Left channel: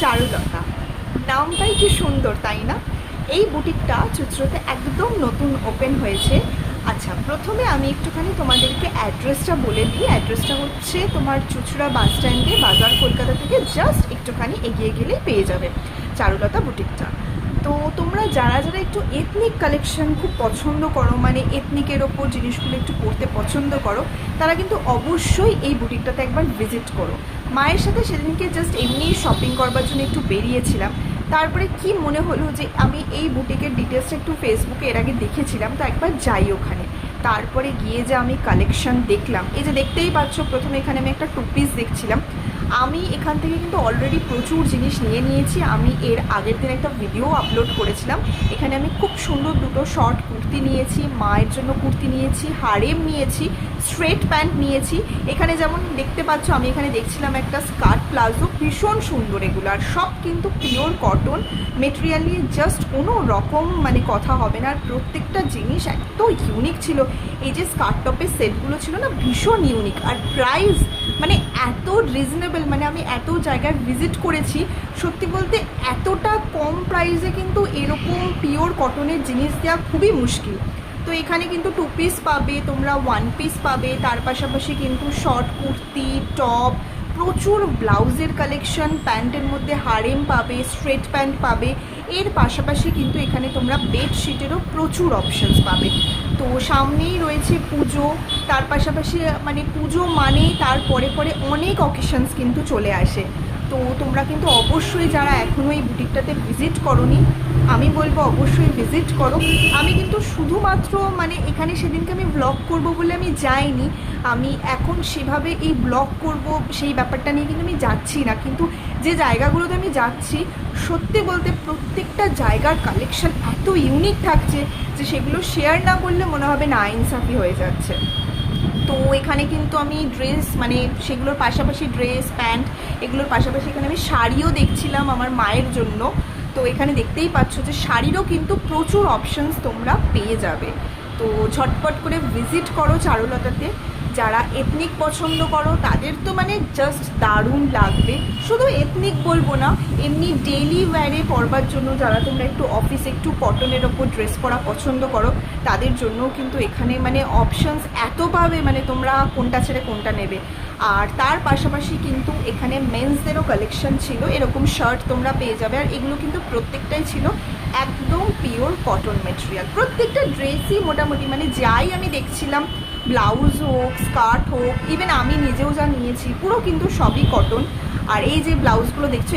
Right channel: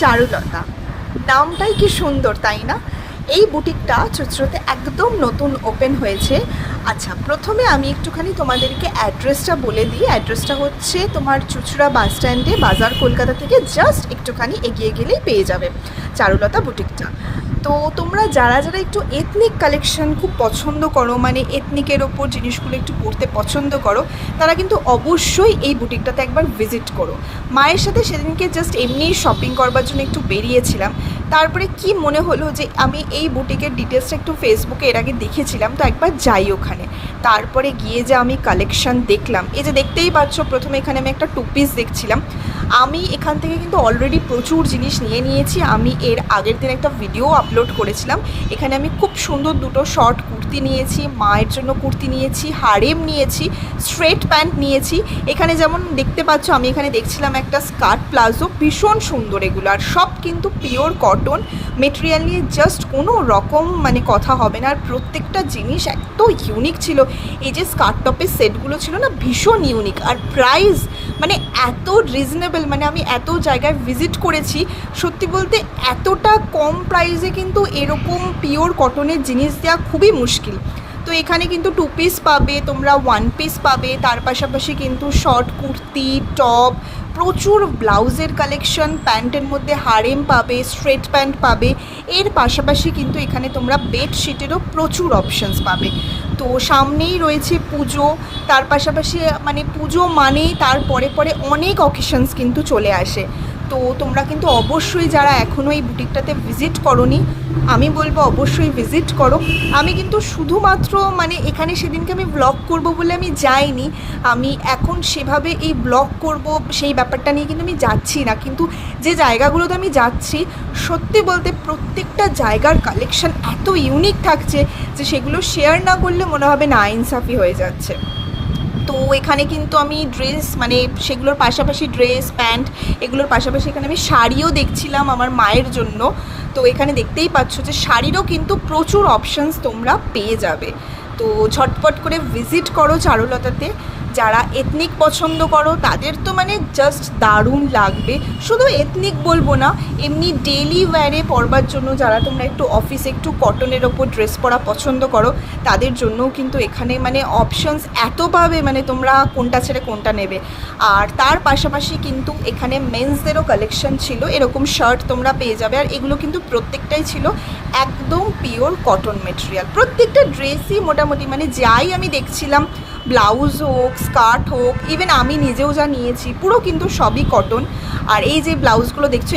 চারুলতা, নামটাই কি সুন্দর তাই না? এই বুটিকটা চুঁচুড়াতে একদম নতুন ওপেন হয়েছে। আচ্ছা, প্রথমে আমি একটুখানি তোমাদেরকে অ্যাড্রেসটা বলে দিই। অ্যাড্রেসটা হচ্ছে তোমার চুঁচুড়া বাস স্ট্যান্ডে, বাজার কলকাতা থেকে জাস্ট একটুখানি এগিয়ে গেলেই পেয়ে যাবে চারুলতা বুটিকটা। তো তোমরা যারা যারা একটু এথনিক কালেকশন খুব পছন্দ করো, মানে এথনিকের ওপর জিনিসগুলো একটু পরতে পছন্দ করো, তারা কিন্তু অবশ্যই এই বুটিকটাতে একবার ভিজিট করো। মায়ের সাথে সেদিনকে জাস্ট এমনি শপিং করবার জন্য একটু বেরিয়েছিলাম, তারপরে কি মনে হলো যে আমি এই বুটিকের ডিটেলসটা একটু ফেসবুকে এর আগে দেখেছিলাম, তো একবার যাই ওখানে। তারপরে গিয়ে যে আমি কালেকশন দেখলাম, এই যে দেখতেই পাচ্ছ, প্রথমে এখানে আমি একটা টু পিস দেখছিলাম। আমি এখান থেকে কিন্তু অলরেডি প্রচুর জিনিস নিয়ে নিয়েছি। আমি এর আগের দিন একটা ভিডিও আপলোড করেছিলাম। এখানে আমি খুব সুন্দর দুটো শর্ট কুর্তি নিয়েছি, মায়ের জন্য কুর্তি নিয়েছি, হারেম নিয়েছি, স্ট্রেট প্যান্ট নিয়েছি। এখানে যেমন দেখতে পাচ্ছ, আমি এখানে দেখছিলাম একটা স্কার্ট প্লাজো, ভীষণ সুন্দর এগুলো। আর সব কিন্তু পিওর কটন মেটেরিয়াল নিয়ে জাস্ট কোনো রকম মানে কথা হবে না। আর প্রত্যেকটা জিনিস এত ইউনিক ছিল। এই যে স্কার্ট টপের সেটগুলো ছিল না, ভীষণ ইউনিক। আর প্রাইস মানে এত রিজনেবল, মানে আমি এত জায়গায় ভিজিট করেছি, সত্যি বলতে এতটা কম প্রাইসে কিন্তু এরকম পিওর কটনের জিনিস দেওয়া খুবই মুশকিল। তো এখানে কিন্তু টু পিস পাবে, তোমরা ওয়ান পিস পাবে, তার পাশাপাশি কিন্তু শর্ট কুর্তি, টপ, প্রচুর ব্লাউজের কালেকশন, প্যান্টের মধ্যে হারেম পাবে, স্ট্রেট প্যান্ট পাবে। এর পাশাপাশি কিন্তু এখানে তোমরা বেডশিটেরও প্রচুর অপশানস পাবে। তো সামনেই রয়েছে পুজো, তার পাশাপাশি মানে পুজো মানেই তার পরে পরে অনেক অকেশনস কিন্তু চলে আসে। তো তোমরা কিন্তু অবশ্যই যারা এখনও এই বুটিকটাতে ভিজিট করোনি, আমি বলবো অবশ্যই ভিজিট করো। আমি কিন্তু শুধুমাত্র মানে এখানে সেদিনকে আমি ব্লগ করব বলে আমি যাইনি। আমি এখন সেভাবে এই ব্লগ করব সেই ব্যাপারটা নিয়ে কিন্তু আমি যাচ্ছি না, কিন্তু যে জায়গাগুলোতে আমি যাচ্ছি, সত্যি বলতে প্রত্যেকটা জায়গার কালেকশন এত ইউনিক থাকছে যে সেগুলো শেয়ার না করলে মনে হবে না ইনসাফি হয়ে যাচ্ছে। তো এখানে কিন্তু আমি ড্রেস মানে সেগুলোর পাশাপাশি ড্রেস প্যান্ট এগুলোর পাশাপাশি এখানে আমি শাড়িও দেখছিলাম আমার মায়ের জন্য। তো এখানে দেখতেই পাচ্ছ যে শাড়িরও কিন্তু প্রচুর অপশানস তোমরা পেয়ে যাবে। তো ঝটপট করে ভিজিট করো চারুলতাতে। যারা এথনিক পছন্দ করো তাদের তো মানে জাস্ট দারুণ লাগবে। শুধু এথনিক বলবো না, এমনি ডেইলি ওয়্যারে পরবার জন্য যারা তোমরা একটু অফিসে একটু কটনের ওপর ড্রেস পরা পছন্দ করো, তাদের জন্যও কিন্তু এখানে মানে অপশানস এত পাবে, মানে তোমরা কোনটা ছেড়ে কোনটা নেবে। আর তার পাশাপাশি কিন্তু এখানে মেন্সদেরও কালেকশন ছিল, এরকম শার্ট তোমরা পেয়ে যাবে। আর এগুলো কিন্তু প্রত্যেকটাই ছিল একদম পিওর কটন মেটেরিয়াল। প্রত্যেকটা ড্রেসই মোটামুটি মানে যাই আমি দেখছিলাম, ব্লাউজ হোক, স্কার্ট হোক, ইভেন আমি নিজেও যা নিয়েছি পুরো কিন্তু সবই কটন। আর এই যে ব্লাউজগুলো দেখছো